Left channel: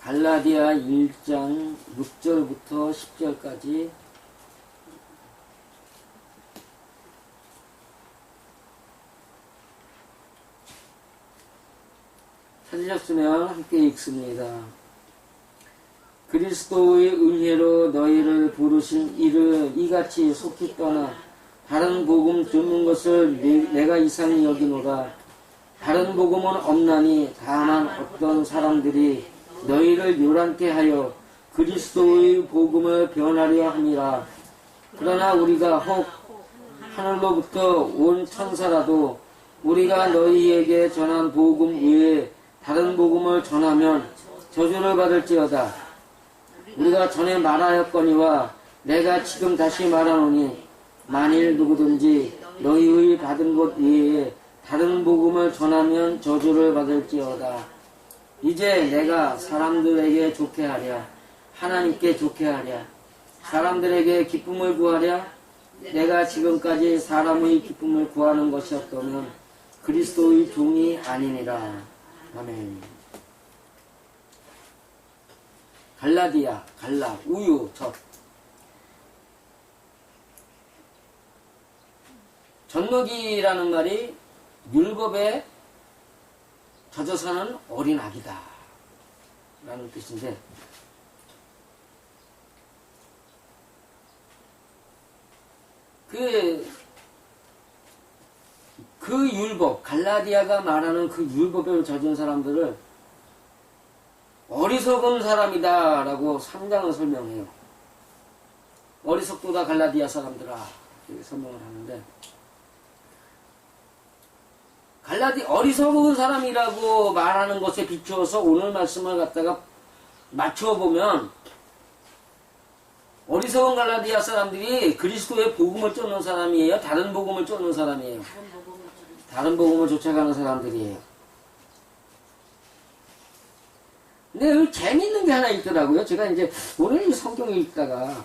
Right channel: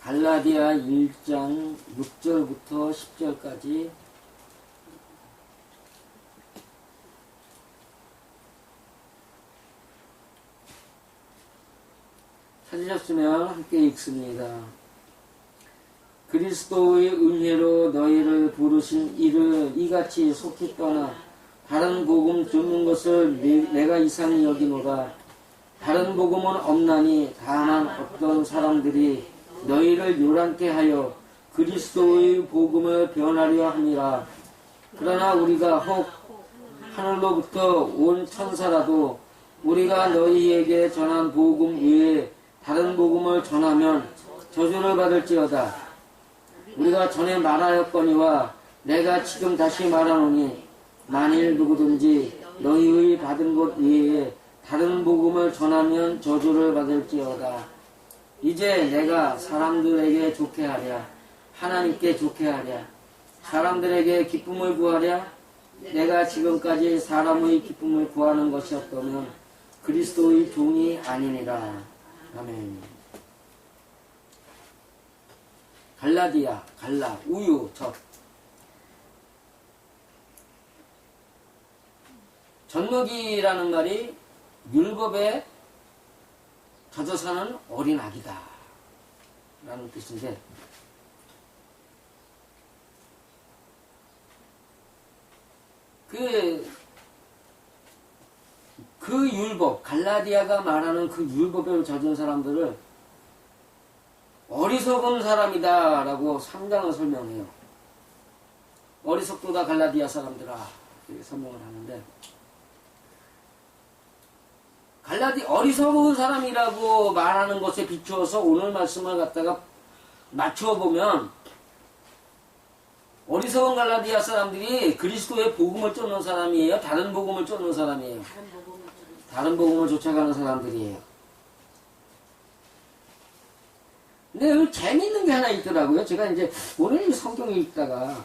갈라디아 1장 6절부터 10절까지 찾으셨으면 함께 읽습니다. 그리스도의 은혜로 너희를 부르신 이를 이같이 속히 떠나 다른 복음 듣는 것을 내가 이상히 여기노라. 다른 복음은 없나니 다만 어떤 사람들이 너희를 요란케 하여 그리스도의 복음을 변하려 함이라. 그러나 우리가 혹 하늘로부터 온 천사라도 우리가 너희에게 전한 복음 외에 다른 복음을 전하면 저주를 받을지어다. 우리가 전에 말하였거니와 내가 지금 다시 말하노니 만일 누구든지 너희의 받은 것 외에 다른 복음을 전하면 저주를 받을지어다. 이제 내가 사람들에게 좋게 하랴, 하나님께 좋게 하랴, 사람들에게 기쁨을 구하랴. 내가 지금까지 사람의 기쁨을 구하는 것이었다면 그리스도의 종이 아니니라. 아멘. 갈라디아, 갈라, 우유, 젖. 젖먹이라는 말이 율법에 젖어 사는 어린 아기다 라는 뜻인데, 그 율법, 갈라디아가 말하는 그 율법에 젖은 사람들을 어리석은 사람이다 라고 3장을 설명해요. 어리석도다 갈라디아 사람들아, 이렇게 설명을 하는데, 어리석은 사람이라고 말하는 것에 비추어서 오늘 말씀을 갖다가 맞춰보면, 어리석은 갈라디아 사람들이 그리스도의 복음을 쫓는 사람이에요? 다른 복음을 쫓는 사람이에요? 다른 복음을 쫓아가는 사람들이에요. 근데 여기 재미있는 게 하나 있더라고요. 제가 이제 오늘 성경을 읽다가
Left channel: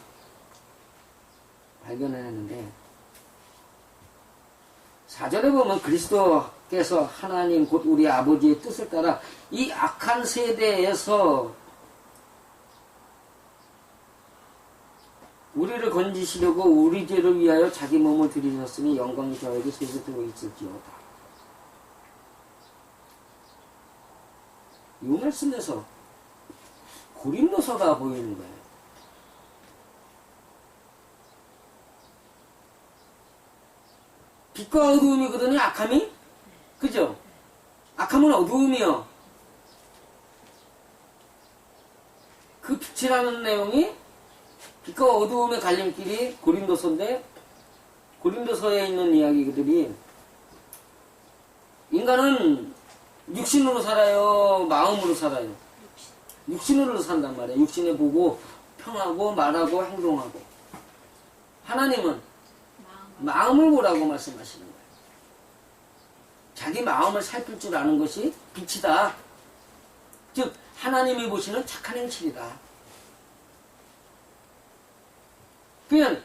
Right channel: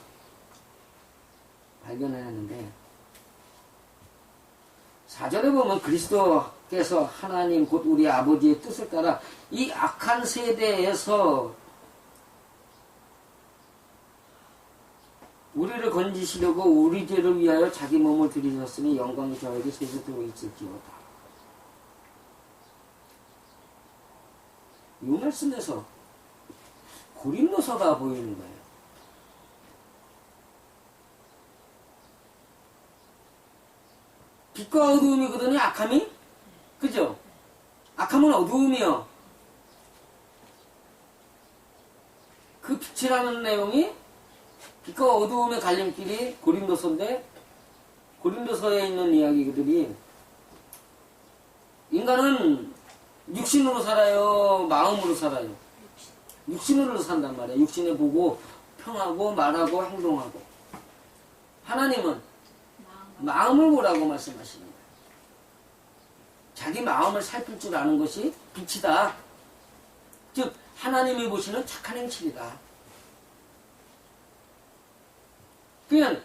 발견했는데, 4절에 보면 그리스도께서 하나님 곧 우리 아버지의 뜻을 따라 이 악한 세대에서 우리를 건지시려고 우리 죄를 위하여 자기 몸을 들이셨으니 영광이 저에게 세세토록 있을지어다. 이 말씀에서 고린도서가 보이는 거예요. 빛과 어두움이거든요, 악함이? 그죠? 악함은 어두움이요. 그 빛이라는 내용이 빛과 어두움의 갈림길이 고린도서인데, 고린도서에 있는 이야기들이 인간은 육신으로 살아요, 마음으로 살아요? 육신으로 산단 말이에요. 육신에 보고 평하고 말하고 행동하고. 하나님은 마음을 보라고 말씀하시는 거예요. 자기 마음을 살필 줄 아는 것이 빛이다. 즉 하나님이 보시는 착한 행실이다. 그냥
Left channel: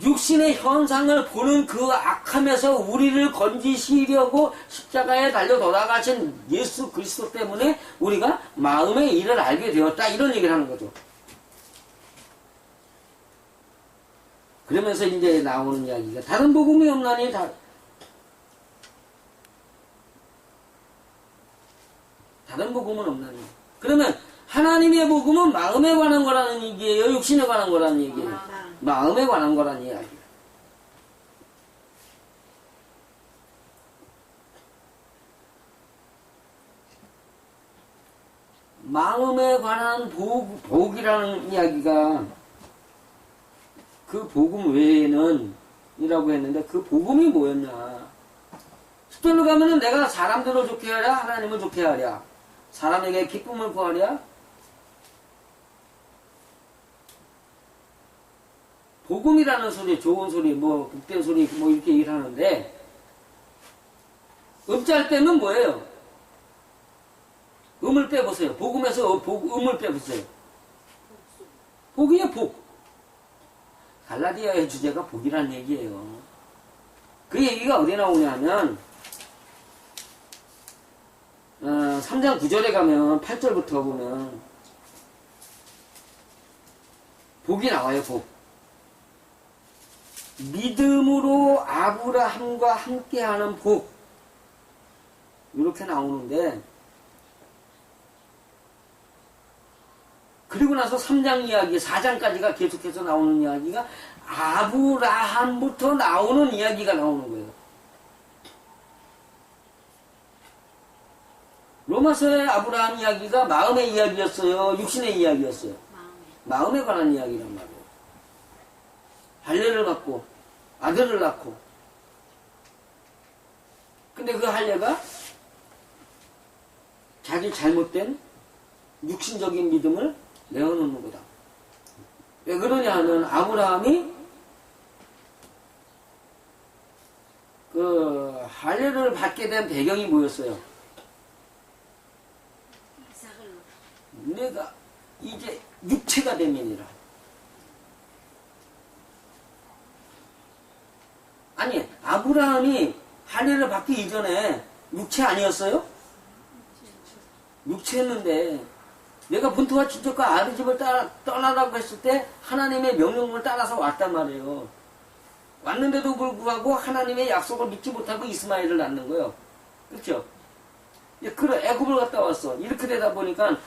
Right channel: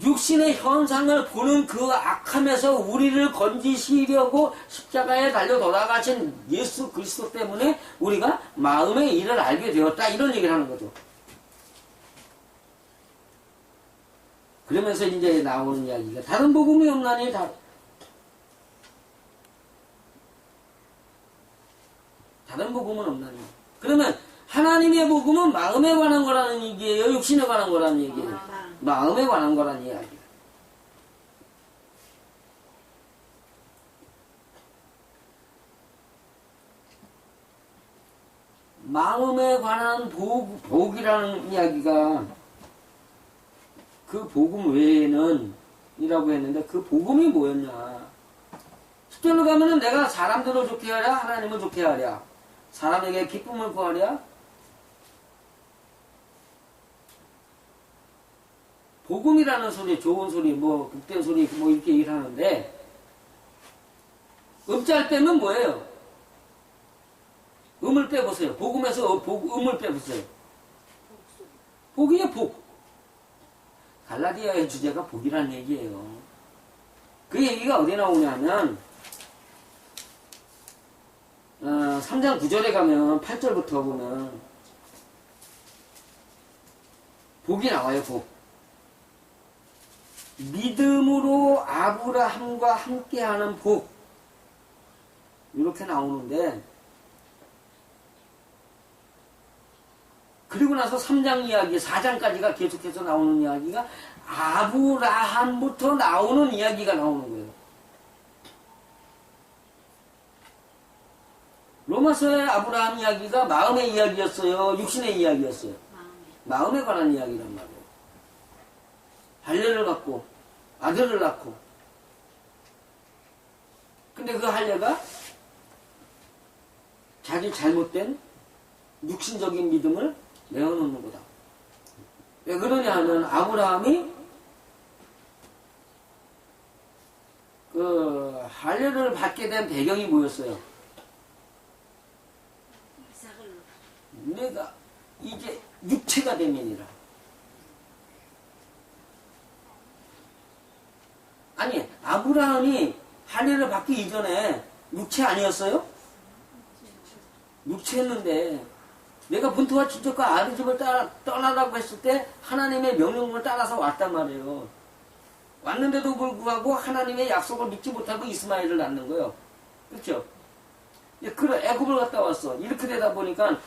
육신의 현상을 보는 그 악함에서 우리를 건지시려고 십자가에 달려 돌아가신 예수 그리스도 때문에 우리가 마음의 일을 알게 되었다, 이런 얘기를 하는 거죠. 그러면서 이제 나오는 이야기가 다른 복음이 없나니 다른 복음은 없나니. 그러면 하나님의 복음은 마음에 관한 거라는 얘기예요, 육신에 관한 거라는 얘기예요? 마음에 관한 거라는 이야기예요. 마음에 관한 복이라는 이야기가 그 복음 외에는 이라고 했는데, 그 복음이 뭐였냐. 10절로 가면은 내가 사람들을 좋게 하랴, 하나님을 좋게 하랴, 사람에게 기쁨을 구하랴. 복음이라는 소리, 좋은 소리, 뭐 복된 소리, 뭐 이렇게 얘기를 하는데, 음짤 빼면 뭐예요? 음을 빼보세요. 복음에서 음을 빼보세요. 복이에요, 복. 갈라디아의 주제가 복이라는 얘기예요. 그 얘기가 어디 나오냐면 3장 9절에 가면 8절부터 보면 복이 나와요. 복. 믿음으로 아브라함과 함께하는 복. 이렇게 나오는데 그리고 나서 3장 이야기, 4장까지가 계속해서 나오는 이야기가 아브라함부터 나오는 이야기가 나오는 거예요. 로마서의 아브라함 이야기가 마음의 이야기였어요? 육신의 이야기였어요? 마음에 관한 이야기란 말이에요. 할례를 갖고 아들을 낳고 근데 그 할례가 자기 잘못된 육신적인 믿음을 내어놓는 거다. 왜 그러냐 하면 아브라함이 그 할례를 받게 된 배경이 뭐였어요? 내가 이제 육체가 되면이라. 아니 아브라함이 할례를 받기 이전에 육체 아니었어요? 육체였는데 내가 본토와 친척과 아들 집을 떠나라고 했을 때 하나님의 명령을 따라서 왔단 말이에요. 왔는데도 불구하고 하나님의 약속을 믿지 못하고 이스마엘을 낳는 거예요. 그렇죠? 그래 애굽을 갔다 왔어. 이렇게 되다 보니까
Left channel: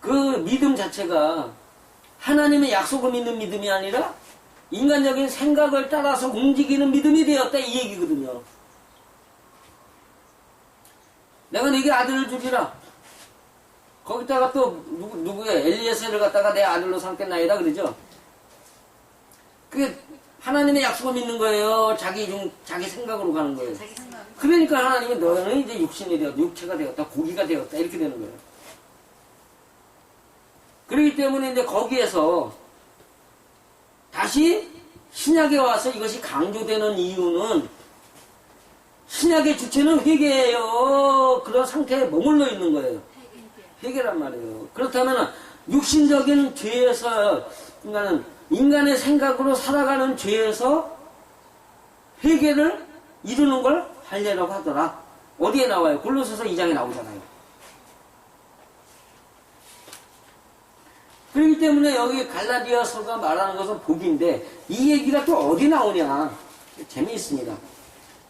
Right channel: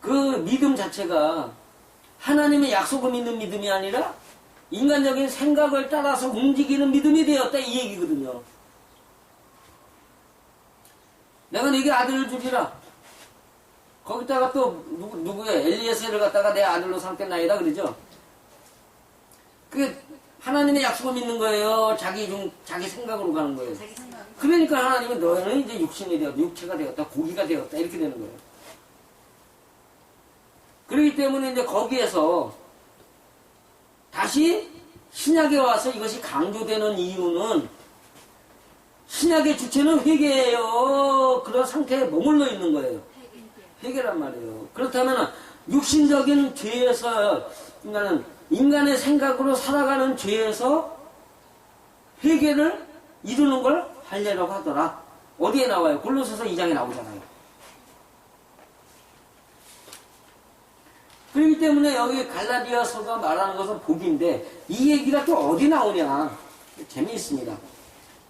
그 믿음 자체가 하나님의 약속을 믿는 믿음이 아니라 인간적인 생각을 따라서 움직이는 믿음이 되었다 이 얘기거든요. 내가 네게 아들을 주리라. 거기다가 또 누구의 엘리에셀을 갖다가 내 아들로 삼겠나이다 그러죠. 그게 하나님의 약속을 믿는 거예요. 자기 생각으로 가는 거예요. 그러니까 하나님은 너는 이제 육신이 되었다, 육체가 되었다, 고기가 되었다 이렇게 되는 거예요. 그렇기 때문에 이제 거기에서 다시 신약에 와서 이것이 강조되는 이유는 신약의 주체는 회개예요. 그런 상태에 머물러 있는 거예요. 회개란 말이에요. 그렇다면 육신적인 죄에서 인간의 생각으로 살아가는 죄에서 회개를 이루는 걸 할례라고 하더라. 어디에 나와요? 골로새서 2장에 나오잖아요. 그렇기 때문에 여기 갈라디아서가 말하는 것은 복인데 이 얘기가 또 어디 나오냐? 재미있습니다.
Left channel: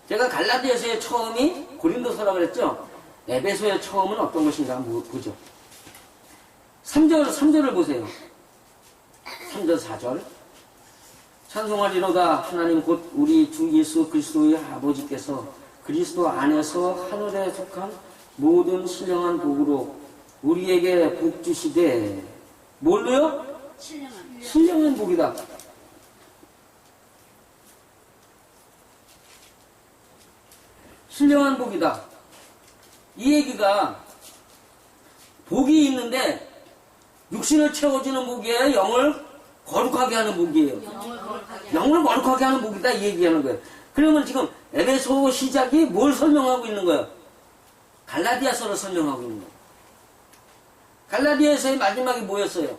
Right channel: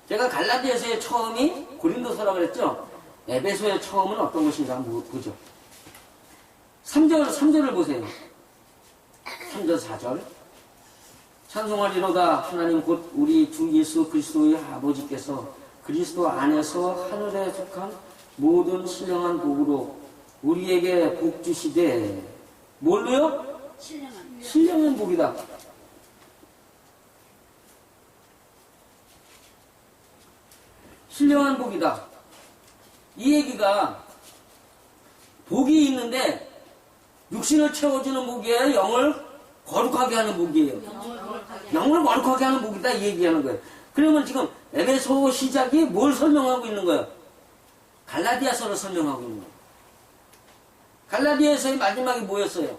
제가 갈라디아서의 처음이 고린도서라고 그랬죠? 에베소의 처음은 어떤 것인가 한번 보죠. 3절을 보세요. 3절 4절 찬송하리로다 하나님 곧 우리 주 예수 그리스도의 아버지께서 그리스도 안에서 하늘에 속한 모든 신령한 복으로 우리에게 복 주시되 뭘로요? 신령한 복이다. 신령한 복이다. 이 얘기가 복이 있는데 육신을 채워주는 복이에요? 영을 거룩하게 하는 복이에요? 영을 거룩하게 하는 복이다 이 얘기하는 거예요. 그러면 지금 에베소 시작이 뭘 설명하고 있는 거예요? 갈라디아서를 설명하고 있는 거예요. 갈라디아서의 마지막이 뭐였어요?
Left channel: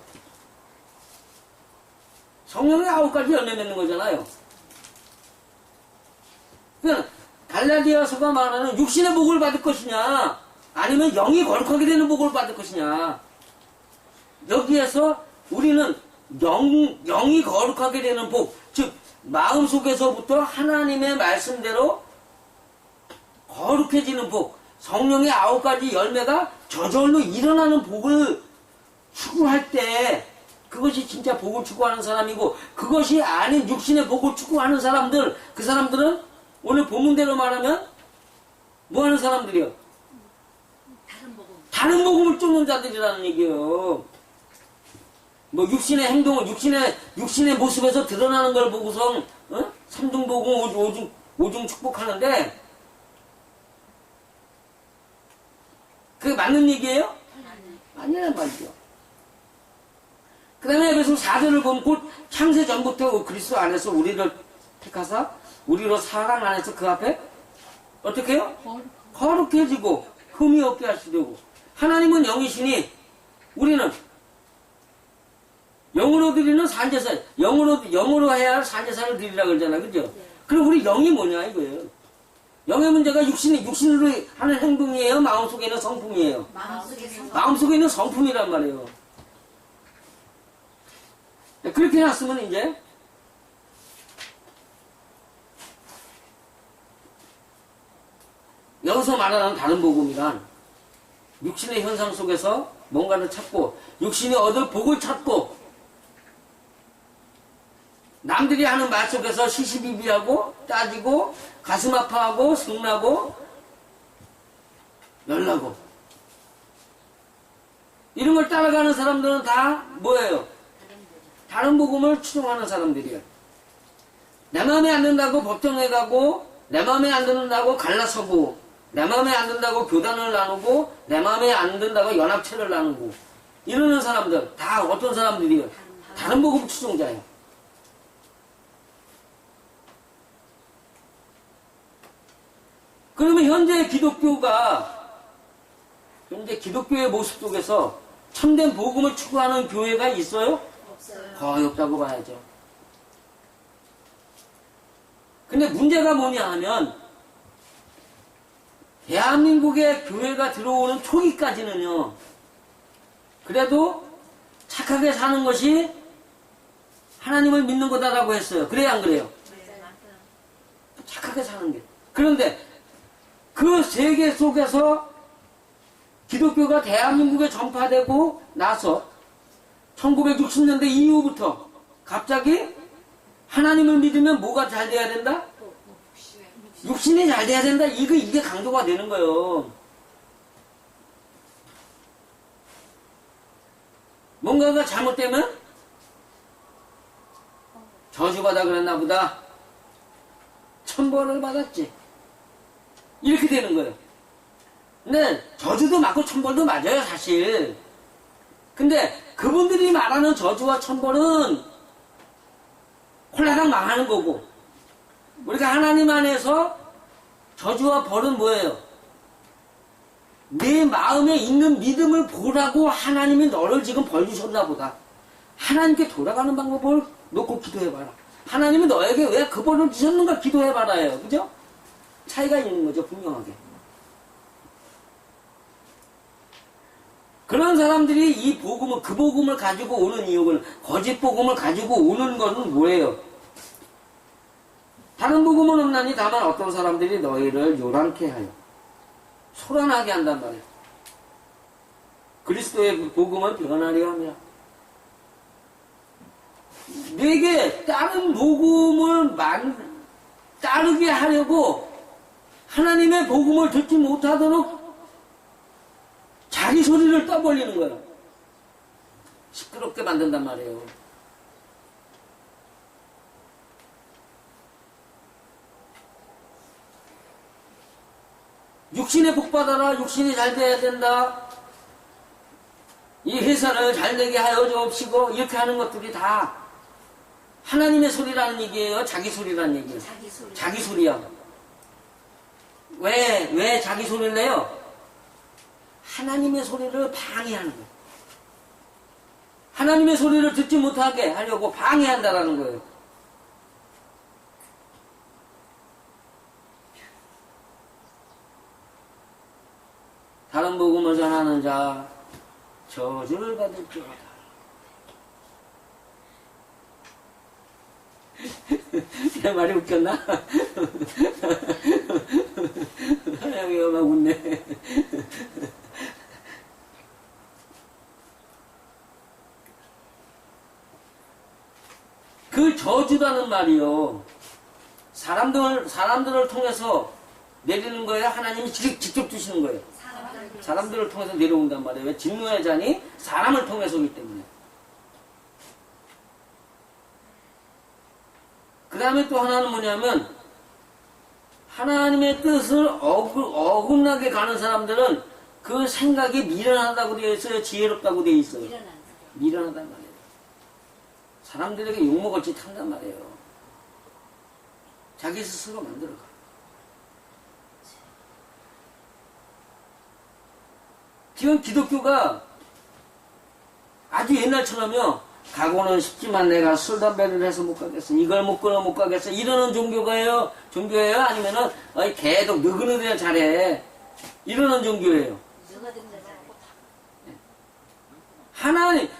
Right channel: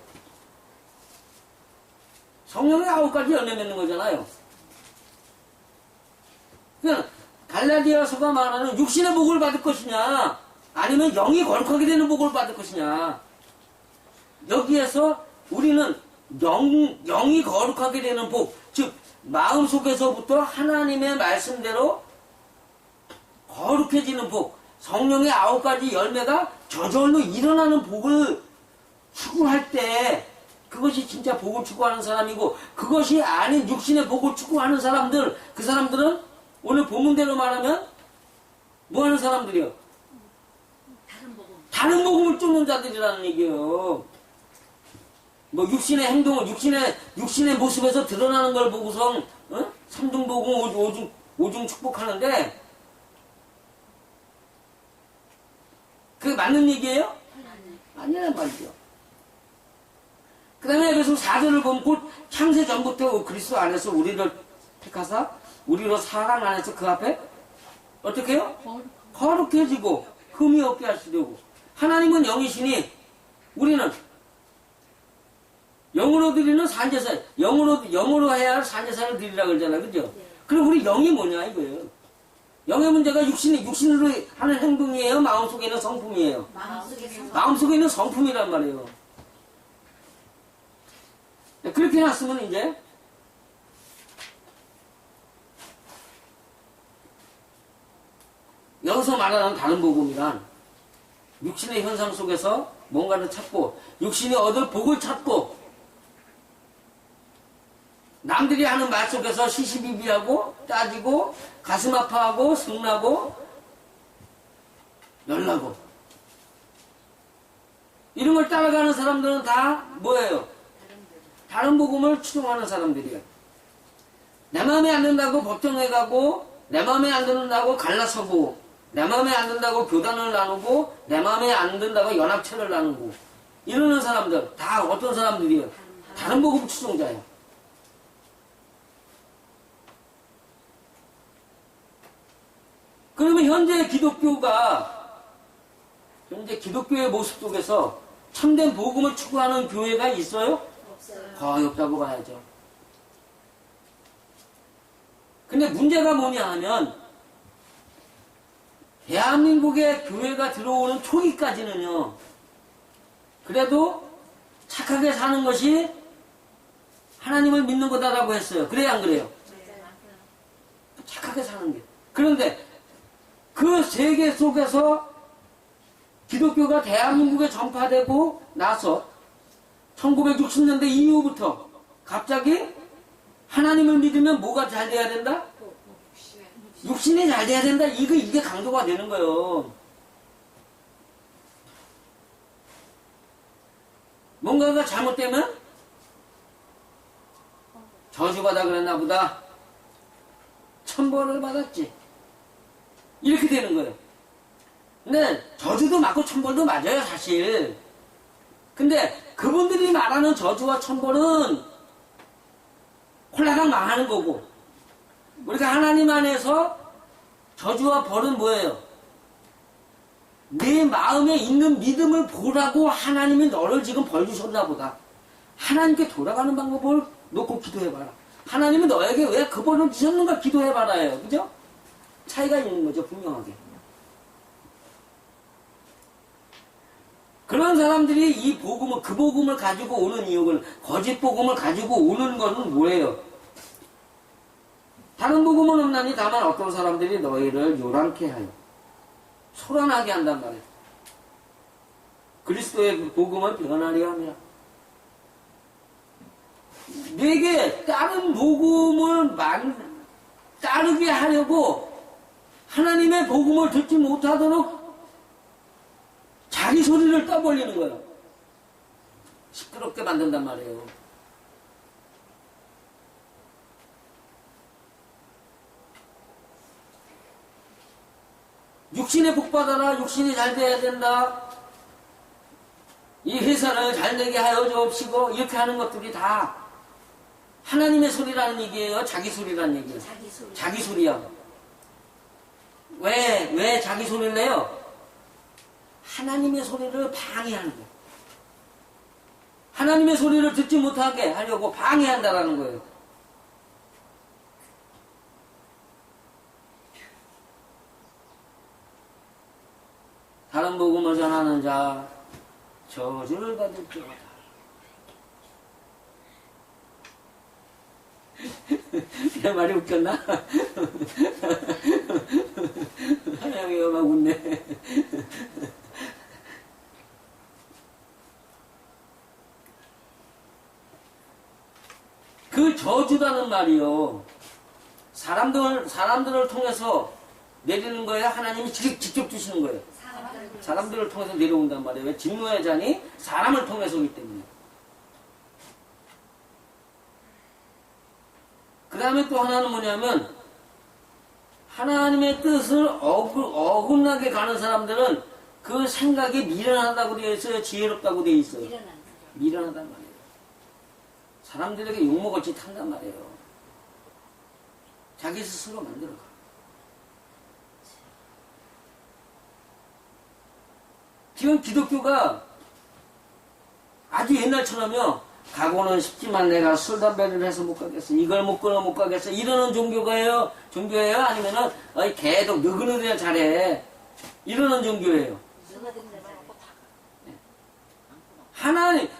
성령의 9가지 열매 맺는 거잖아요. 그러니까 갈라디아서가 말하는 육신의 복을 받을 것이냐 아니면 영이 거룩하게 되는 복을 받을 것이냐. 여기에서 우리는 영이 거룩하게 되는 복, 즉 마음속에서부터 하나님의 말씀대로 거룩해지는 복, 성령의 9가지 열매가 저절로 일어나는 복을 추구할 때 그것이 진짜 복을 추구하는 사람이고, 그것이 아닌 육신의 복을 추구하는 사람들, 그 사람들은 오늘 본문대로 말하면 뭐 하는 사람들이요? 다른 복음을 쫓는 자들이라는 얘기예요. 뭐 육신의 행동을 육신의 모습에서 드러나는 걸 보고서 삼중복음 오중 축복하는데 그게 맞는 얘기예요? 아니란 말이죠. 그 다음에 에베소 4절을 보면 곧 창세 전부터 그리스도 안에서 우리를 택하사 우리로 사랑 안에서 그 앞에 어떻게 해요? 거룩해지고 흠이 없게 하시려고. 하나님은 영이시니 우리는 영으로 드리는 '영으로 해야 할 산제사를 드리라 그러잖아. 그죠? 그럼 우리 영이 뭐냐 이거예요. 영의 문제가 육신으로 하는 행동이에요? 마음속에 있는 성품이에요? 마음속에 있는 성품이란 말이에요. 그렇게 해놨으면 이제 여기서 말하는 다른 복음이란 육신의 현상 속에서 뭔가를 찾고 육신이 얻을 복을 찾고 남들이 하는 말 속에서 시시비비하고 따지고 가슴 아파하고 성나고 열나고 이런 걸 따라가는 사람들은 다 뭐예요? 다른 복음을 추종하는 사람들이에요. 내 마음에 안 든다고 법정에 가고 내 마음에 안 든다고 갈라서고 내 마음에 안 든다고 교단을 나누고 내 마음에 안 든다고 연합체를 나누고 이러는 사람들 다 어떤 사람들이에요? 다른 복음 추종자예요. 그러면 현재 기독교의 모습 속에서 참된 복음을 추구하는 교회가 있어요? 없어요. 거의 없다고 봐야죠. 근데 문제가 뭐냐 하면 대한민국에 교회가 들어오는 초기까지는요, 그래도 착하게 사는 것이 하나님을 믿는 거다라고 했어요. 그래요, 안 그래요? 착하게 사는 게. 그런데 그 세계 속에서 기독교가 대한민국에 전파되고 나서 1960년대 이후부터 갑자기 하나님을 믿으면 뭐가 잘 돼야 된다? 육신이 잘 돼야 된다. 이게 강조가 되는 거예요. 뭔가가 잘못되면 저주받아 그랬나 보다. 천벌을 받았지. 이렇게 되는 거예요. 근데 저주도 맞고 천벌도 맞아요, 사실. 근데 그분들이 말하는 저주와 천벌은 홀라당 망하는 거고, 우리가 하나님 안에서 저주와 벌은 뭐예요? 내 마음에 있는 믿음을 보라고 하나님이 너를 지금 벌 주셨나 보다. 하나님께 돌아가는 방법을 놓고 기도해봐라. 하나님이 너에게 왜 그 벌을 주셨는가 기도해봐라예요. 그죠? 차이가 있는 거죠, 분명하게. 그런 사람들이 이 복음을, 그 복음을 가지고 오는 이유는, 거짓 복음을 가지고 오는 것은 뭐예요? 다른 복음은 없나니 다만 어떤 사람들이 너희를 요란케 하여 소란하게 한단 말이에요. 그리스도의 복음은 변하려 함이라. 내게 다른 복음을 따르게 하려고 하나님의 복음을 듣지 못하도록 자기 소리를 떠벌리는 거예요. 시끄럽게 만든단 말이에요. 육신에 복 받아라. 육신이 잘 돼야 된다. 이 회사를 잘 되게 하여 주옵시고 이렇게 하는 것들이 다 하나님의 소리라는 얘기예요? 자기 소리라는 얘기예요? 자기 소리야. 왜 자기 소리를 내요? 하나님의 소리를 방해하는 거예요. 하나님의 소리를 듣지 못하게 하려고 방해한다라는 거예요. 다른 복음을 전하는 자 저주를 받을지어다. 내 말이 웃겼나? 하나님이 막 웃네. 그 저주라는 말이요, 사람들을 통해서 내리는 거예요? 하나님이 직접 주시는 거예요? 사람들을 통해서 내려온단 말이에요. 왜? 진노의 잔이 사람을 통해서 오기 때문에. 그 다음에 또 하나는 뭐냐면, 하나님의 뜻을 어긋나게 가는 사람들은 그 생각이 미련하다고 되어 있어요? 지혜롭다고 되어 있어요? 미련하단 말이에요. 사람들에게 욕먹을 짓 한단 말이에요. 자기 스스로 만들어가. 지금 기독교가 아주 옛날처럼요, 가고는 싶지만 내가 술, 담배를 해서 못 가겠어. 이걸 못 끊어 못 가겠어. 이러는 종교가요? 종교예요? 아니면은, 계속 느그느려 잘해. 이러는 종교예요.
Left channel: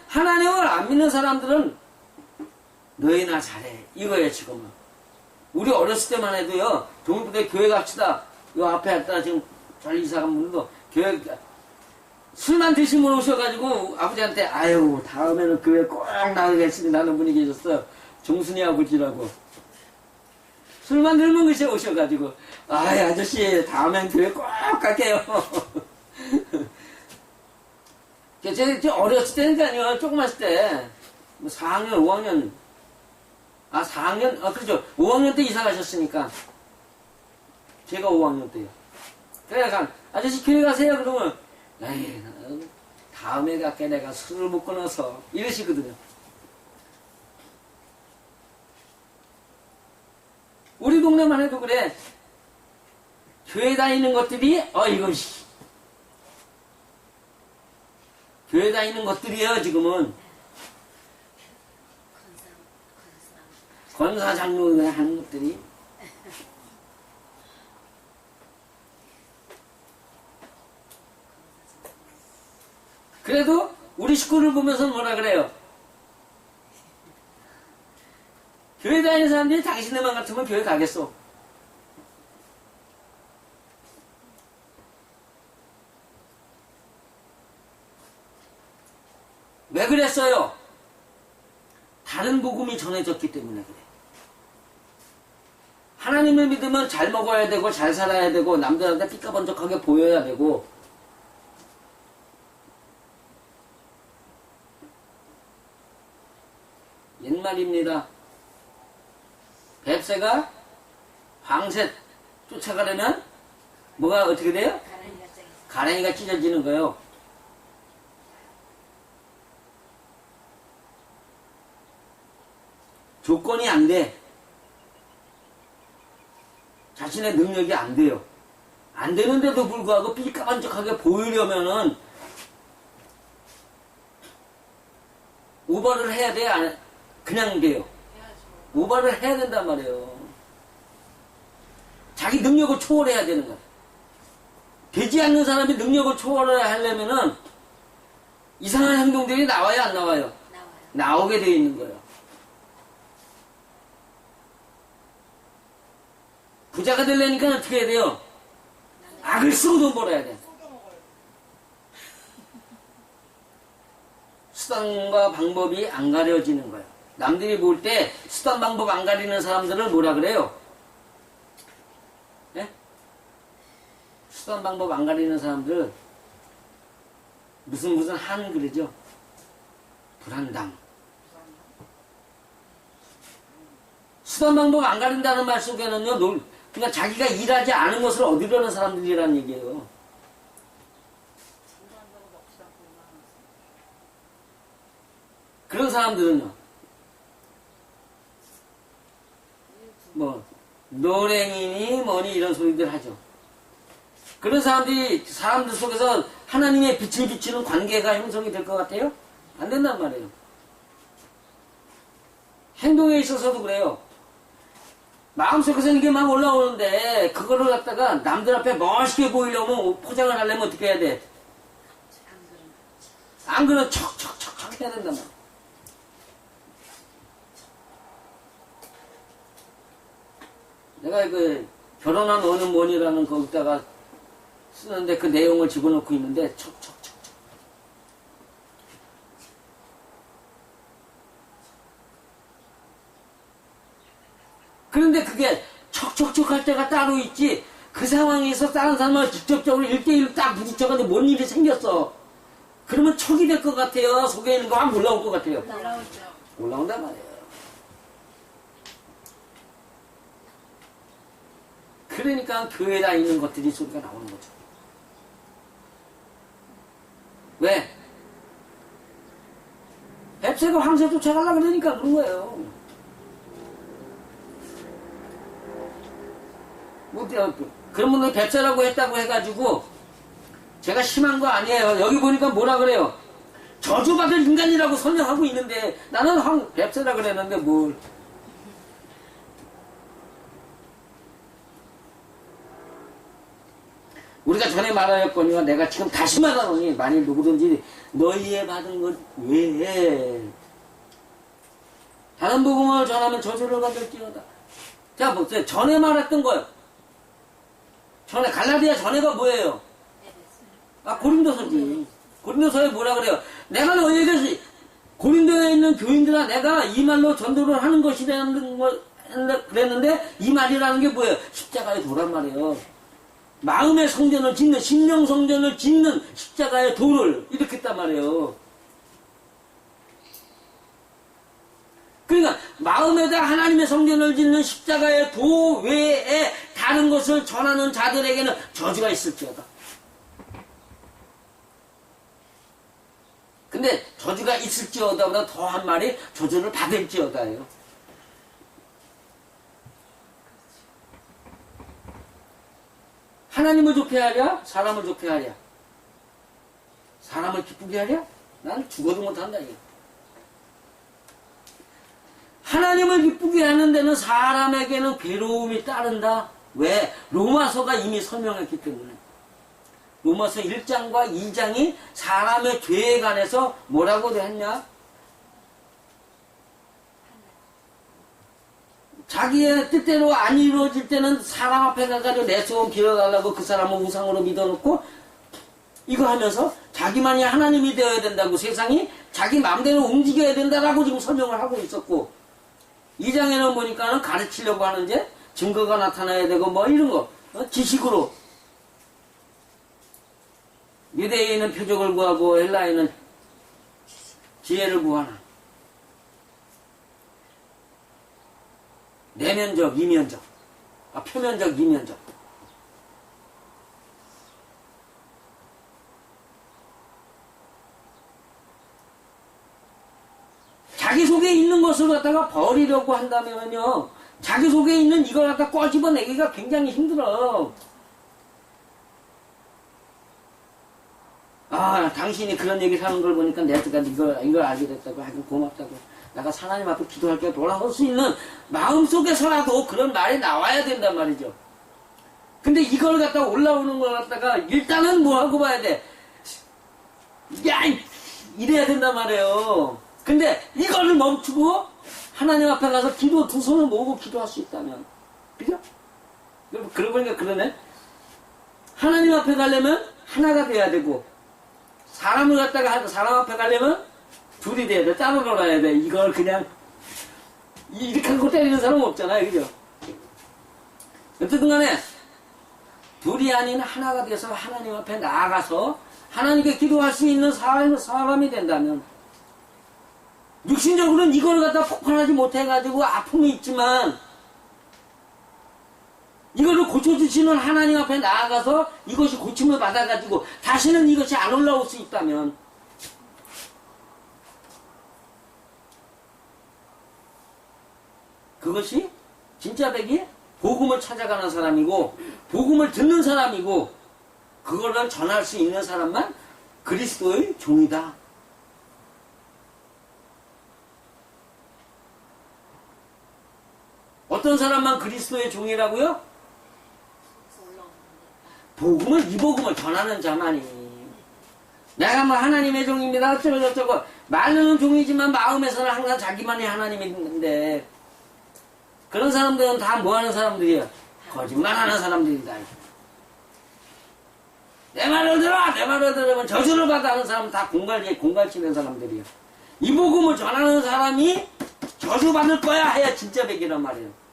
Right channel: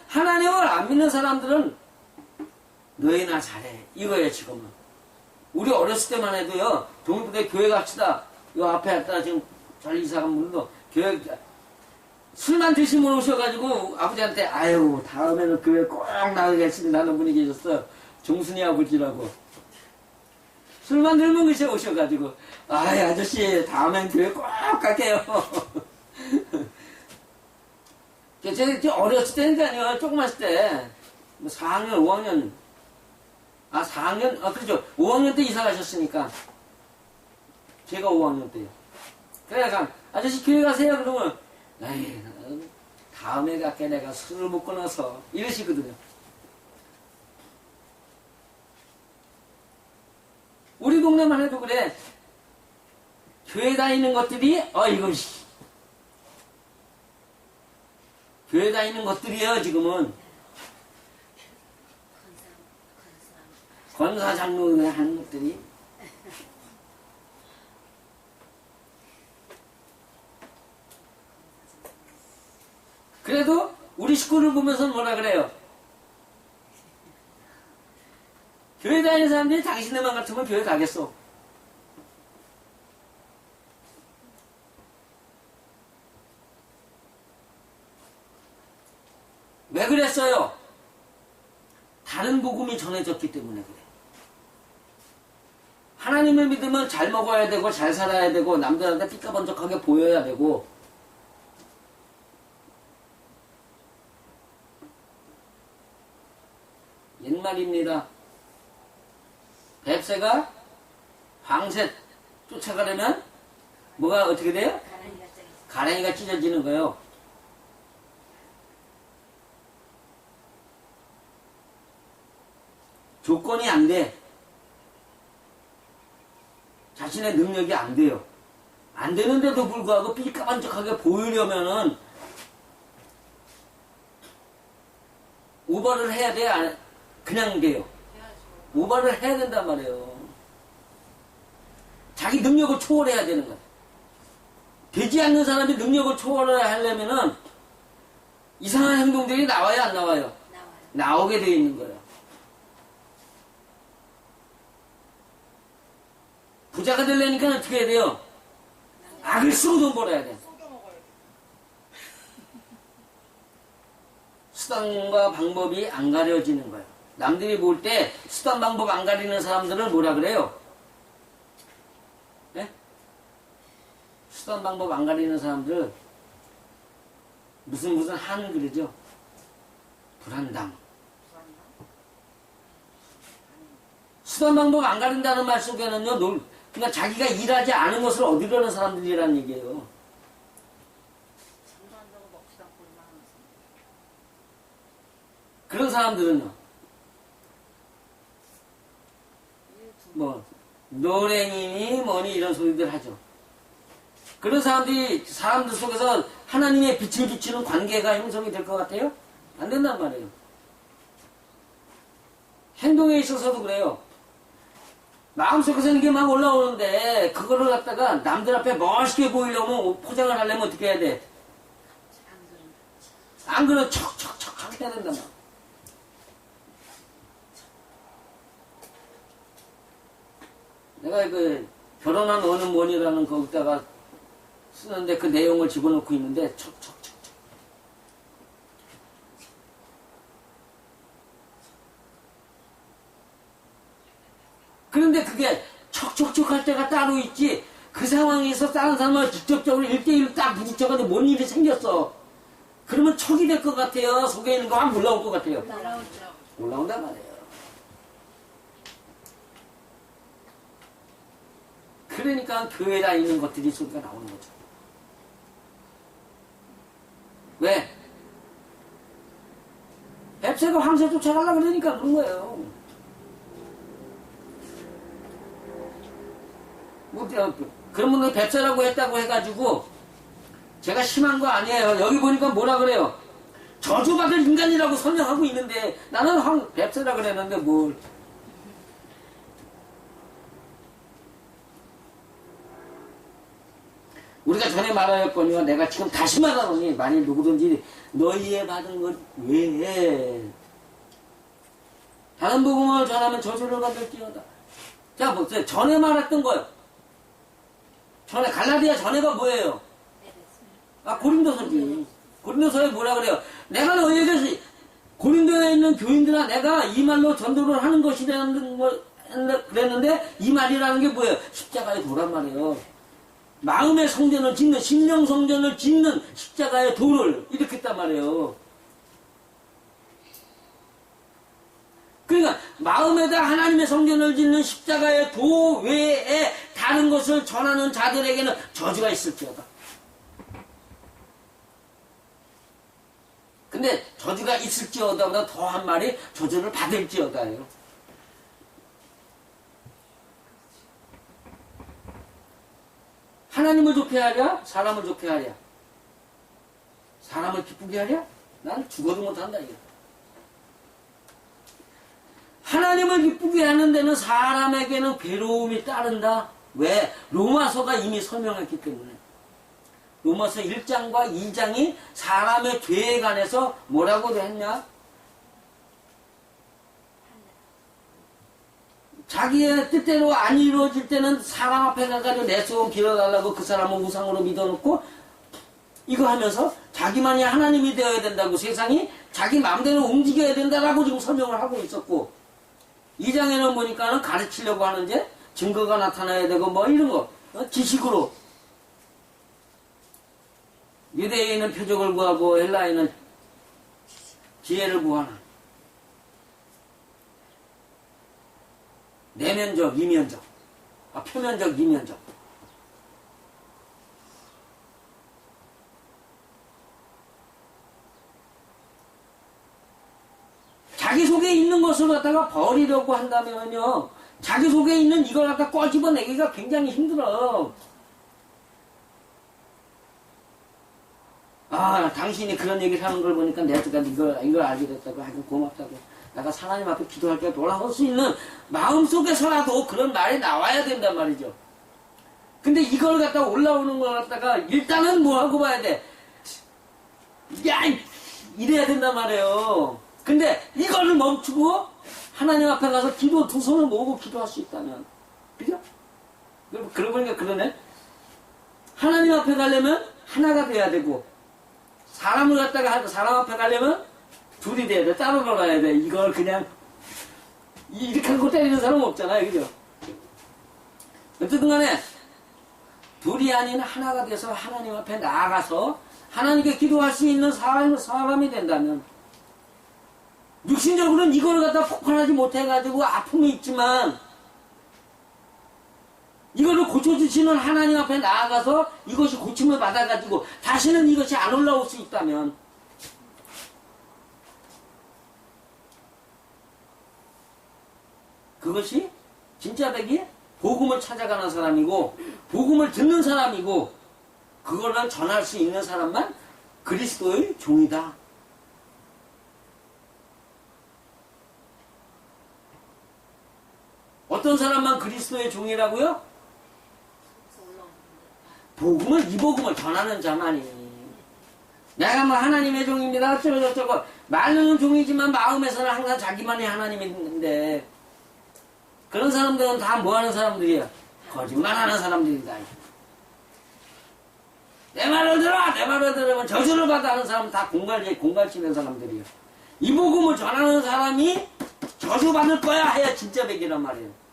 하나님을 안 믿는 사람들은 너희나 잘해. 이거예요, 지금은. 우리 어렸을 때만 해도요, 동부대 교회 갑시다. 요 앞에 왔다 지금 잘 이사간 분도 교회, 술만 드시면 오셔가지고 아버지한테, 아유, 다음에는 교회 꼭 나가겠습니다 하는 분이 계셨어요. 종순이 아버지라고. 술만 들면 그새 오셔가지고, 아이, 아저씨, 다음엔 교회 꼭 갈게요. 제가 어렸을 때니까요, 조그맣을 때, 뭐 4학년, 5학년, 4학년? 그렇죠. 5학년 때 이사 가셨으니까. 제가 5학년 때요. 그래가 아저씨 교회 가세요. 그러면, 에이, 다음에 갈게 내가 술을 못 끊어서. 이러시거든요. 우리 동네만 해도 그래. 교회 다니는 것들이, 이것이. 교회 다니는 것들이요, 지금은. 권사 장로가 하는 것들이. 그래도 우리 식구를 보면서 뭐라 그래요? 교회 다니는 사람들이 당신네만 같으면 교회 가겠어. 왜 그랬어요? 다른 복음이 전해졌기 때문에 그래. 하나님을 믿으면 잘 먹어야 되고 잘 살아야 되고 남들한테 삐까번쩍하게 보여야 되고 옛말입니다. 뱁새가 황새 쫓아가려면 뭐가 어떻게 돼요? 가랭이가 찢어지는 거예요. 조건이 안 돼. 자신의 능력이 안 돼요. 안 되는데도 불구하고 삐까번쩍하게 보이려면은 오버를 해야 돼? 그냥 돼요? 오버를 해야 된단 말이에요. 자기 능력을 초월해야 되는 거야. 되지 않는 사람이 능력을 초월을 하려면은 이상한 행동들이 나와요, 안 나와요? 나오게 돼 있는 거예요. 부자가 되려니까 어떻게 해야 돼요? 악을 쓰고 돈 벌어야 돼. 수단과 방법이 안 가려지는 거예요. 남들이 볼 때 수단 방법 안 가리는 사람들을 뭐라 그래요? 네? 수단 방법 안 가리는 사람들 무슨 한 그러죠? 불안당. 수단 방법 안 가린다는 말 속에는요, 그러니까 자기가 일하지 않은 것을 얻으려는 사람들이라는 얘기예요. 그런 사람들은요, 노랭이니 뭐니 이런 소리들 하죠. 그런 사람들 속에서 하나님의 빛을 비추는 관계가 형성이 될 것 같아요? 안 된단 말이에요. 행동에 있어서도 그래요. 마음속에서는 이게 막 올라오는데 그거를 갖다가 남들 앞에 멋있게 보이려면 포장을 하려면 어떻게 해야 돼? 안 그러면 척척척척 해야 된단 말이야. 내가 결혼한 어느 뭐니라는 거기다가 쓰는데 그 내용을 집어넣고 있는데 척척척척. 그런데 그게 척척척 할 때가 따로 있지, 그 상황에서 다른 사람을 직접적으로 1대1로 딱 부딪혀가지고 뭔 일이 생겼어. 그러면 척이 될 것 같아요? 속에 있는 거 막 올라올 것 같아요? 올라온단 말이에요. 그러니까 교회에 다니는 것들이 소리가 나오는 거죠. 왜? 뱁새가 황새 쫓아가려고 그러니까 그런 거예요. 그러면 뱁새라고 했다고 해가지고 제가 심한 거 아니에요. 여기 보니까 뭐라 그래요? 저주받을 인간이라고 설명하고 있는데 나는 뱁새라 그랬는데 뭘. 우리가 전에 말하였거니와 내가 지금 다시 말하노니 만일 누구든지 너희의 받은 것 외에 다른 복음을 전하면 저주를 받을지어다. 자 보세요. 전에 말했던 거요. 전에 갈라디아 전에가 뭐예요? 고린도서지. 고린도서에 뭐라 그래요? 내가 너희에게 고린도에 있는 교인들아 내가 이 말로 전도를 하는 것이라는 걸 그랬는데 이 말이라는 게 뭐예요? 십자가의 도란 말이에요. 마음의 성전을 짓는 심령 성전을 짓는 십자가의 도를 이렇게 했단 말이에요. 그러니까 마음에다 하나님의 성전을 짓는 십자가의 도 외에 다른 것을 전하는 자들에게는 저주가 있을지어다. 근데 저주가 있을지어다보다 더한 말이 저주를 받을지어다예요. 하나님을 좋게 하랴? 사람을 좋게 하랴? 사람을 기쁘게 하랴? 난 죽어도 못한다 이거. 하나님을 기쁘게 하는 데는 사람에게는 괴로움이 따른다. 왜? 로마서가 이미 설명했기 때문에. 로마서 1장과 2장이 사람의 죄에 관해서 뭐라고 했냐? 자기의 뜻대로 안 이루어질 때는 사람 앞에 가가지고 내 소원 빌어달라고 그 사람을 우상으로 믿어놓고 이거 하면서 자기만이 하나님이 되어야 된다고 세상이 자기 마음대로 움직여야 된다라고 지금 설명을 하고 있었고 2장에는 보니까는 가르치려고 하는데 증거가 나타나야 되고 뭐 이런 거 지식으로 유대인은 표적을 구하고 헬라인은 지혜를 구하는 내면적, 이면적, 표면적, 이면적. 자기 속에 있는 것을 갖다가 버리려고 한다면요, 자기 속에 있는 이걸 갖다 꺼집어내기가 굉장히 힘들어. 당신이 그런 얘기를 하는 걸 보니까 내가 이걸 알게 됐다고 하여튼 고맙다고. 내가 하나님 앞에 기도할 때 돌아설 수 있는 마음속에서라도 그런 말이 나와야 된단 말이죠. 근데 이걸 갖다 올라오는 걸 갖다가 일단은 뭐 하고 봐야 돼? 야! 이래야 된단 말이에요. 근데 이거를 멈추고 하나님 앞에 가서 기도 두 손을 모으고 기도할 수 있다면. 그죠? 그러고 보니까 그러네. 하나님 앞에 가려면 하나가 돼야 되고 사람을 갖다가 사람 앞에 가려면 둘이 돼야 돼. 따로 놀아야 돼. 이걸 그냥 이렇게 하고 때리는 사람은 없잖아요. 그죠? 어쨌든 간에 둘이 아닌 하나가 돼서 하나님 앞에 나아가서 하나님께 기도할 수 있는 사람이 된다면 육신적으로는 이걸 갖다 폭발하지 못해가지고 아픔이 있지만 이거를 고쳐주시는 하나님 앞에 나아가서 이것이 고침을 받아가지고 다시는 이것이 안 올라올 수 있다면 그것이 진짜 백이 복음을 찾아가는 사람이고 복음을 듣는 사람이고 그거를 전할 수 있는 사람만 그리스도의 종이다. 어떤 사람만 그리스도의 종이라고요? 이 복음을 전하는 자만이. 내가 뭐 하나님의 종입니다. 어쩌고 말로는 종이지만 마음에서는 항상 자기만이 하나님이 있는데 그런 사람들은 다 뭐하는 사람들이야? 거짓말하는 사람들이다. 내 말을 들어! 내 말을 들으면 저주를 받아 하는 사람은 다 공갈치는 사람들이야. 이 복음을 전하는 사람이 저주받을 거야 해야 진짜 백이란 말이에요.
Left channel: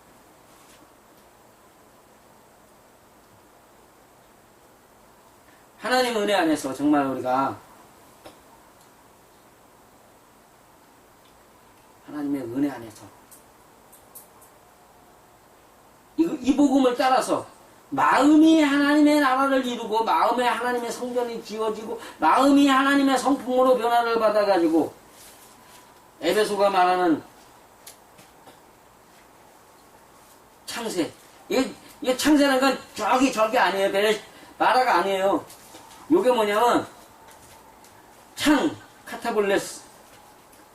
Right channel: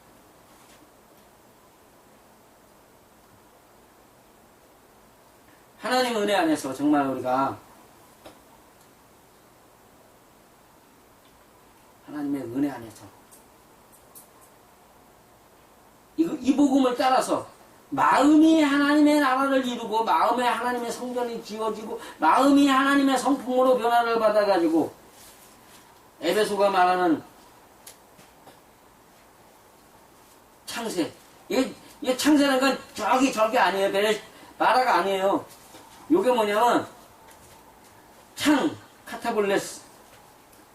하나님 은혜 안에서 정말 우리가 하나님의 은혜 안에서 이 복음을 따라서 마음이 하나님의 나라를 이루고 마음에 하나님의 성전이 지어지고 마음이 하나님의 성품으로 변화를 받아가지고 에베소가 말하는 창세 이게 창세라는 건 저기 아니에요. 마라가 아니에요. 요게 뭐냐면 카타볼레스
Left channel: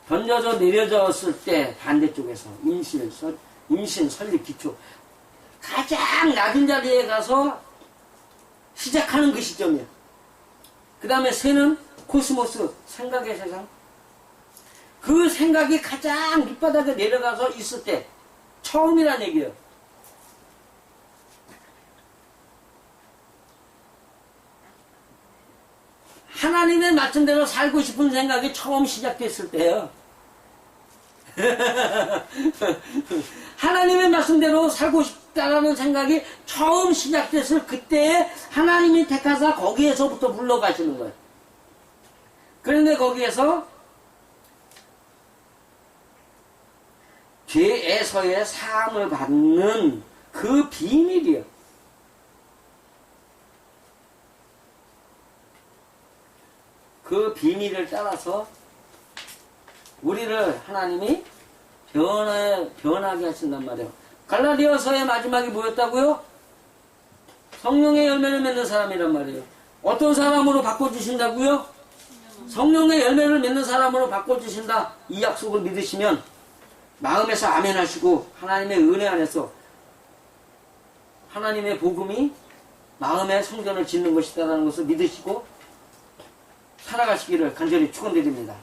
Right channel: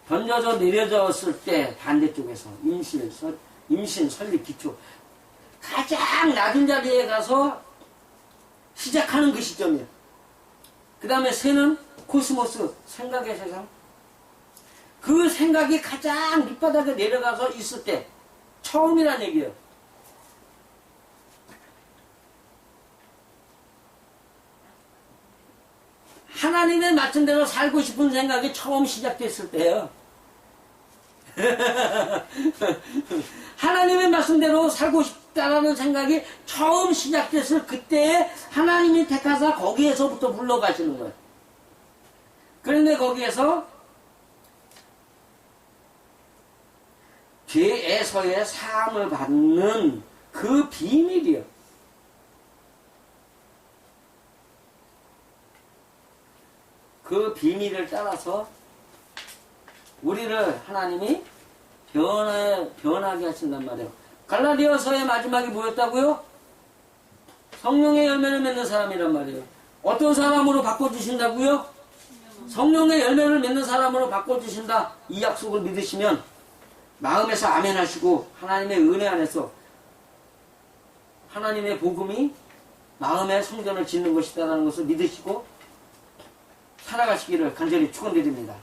던져져 내려졌을 때 반대쪽에서 임신 설립 기초 가장 낮은 자리에 가서 시작하는 그 시점이야. 그 다음에 새는 코스모스 생각의 세상. 그 생각이 가장 밑바닥에 내려가서 있을 때 처음이란 얘기예요. 하나님의 말씀대로 살고 싶은 생각이 처음 시작됐을 때예요. 하나님의 말씀대로 살고 싶다라는 생각이 처음 시작됐을 그때에 하나님이 택하사 거기에서부터 불러가시는 거예요. 그런데 거기에서 죄에서의 사함을 받는 그 비밀이요. 그 비밀을 따라서 우리를 하나님이 변하게 하신단 말이에요. 갈라디아서의 마지막이 뭐였다고요? 성령의 열매를 맺는 사람이란 말이에요. 어떤 사람으로 바꿔주신다고요? 성령의 열매를 맺는 사람으로 바꿔주신다. 이 약속을 믿으시면 마음에서 아멘 하시고 하나님의 은혜 안에서 하나님의 복음이 마음의 성전을 짓는 것이다라는 것을 믿으시고 살아가시기를 간절히 축원드립니다.